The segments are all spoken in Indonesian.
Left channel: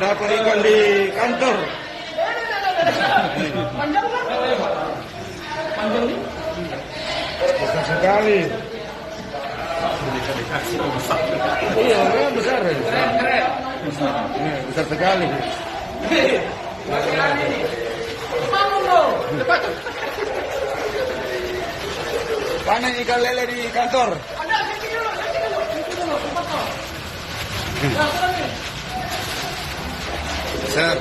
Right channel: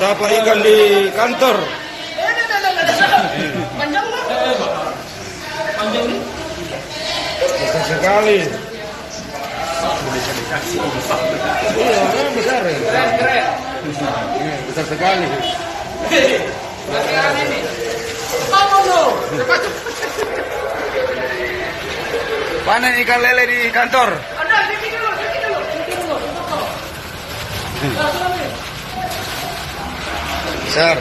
Dapat ikan di kantor. Panjang nih. Panjang nih. Besar sekali. Iya, memang besar. Besar sekali. Panen ikan lele di kantor. Besar.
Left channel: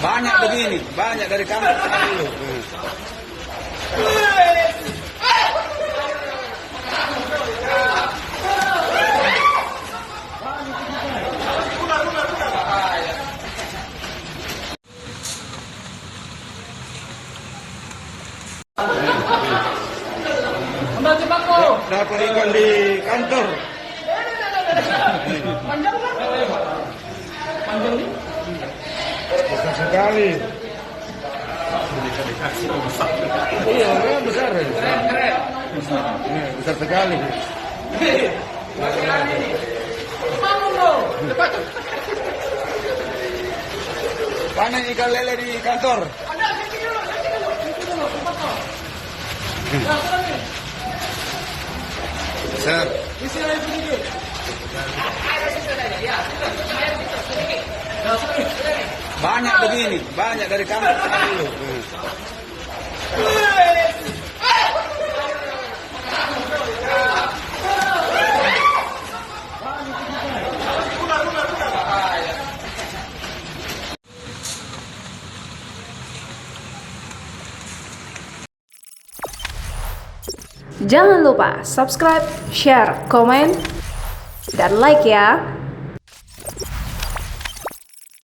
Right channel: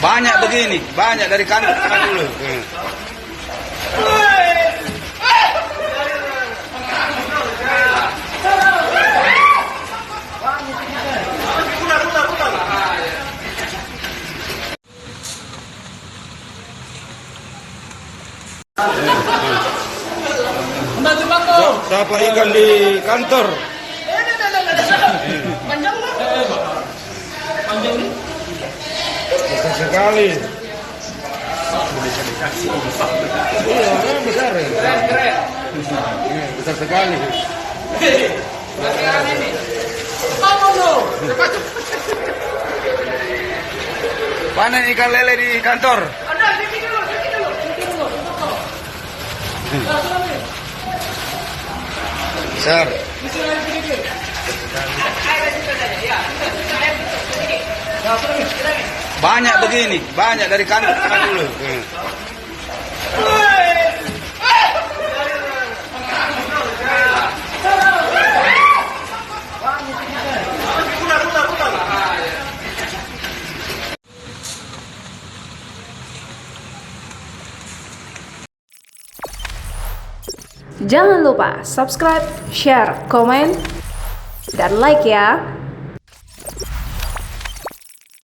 Banyak begini, banyak dari kantor dulu. Dapat ikan di kantor. Panjang nih. Panjang nih. Besar sekali. Iya, memang besar. Besar sekali. Panen ikan lele di kantor. Besar. Banyak begini, banyak dari kantor dulu. Jangan lupa subscribe, share, komen, dan like ya.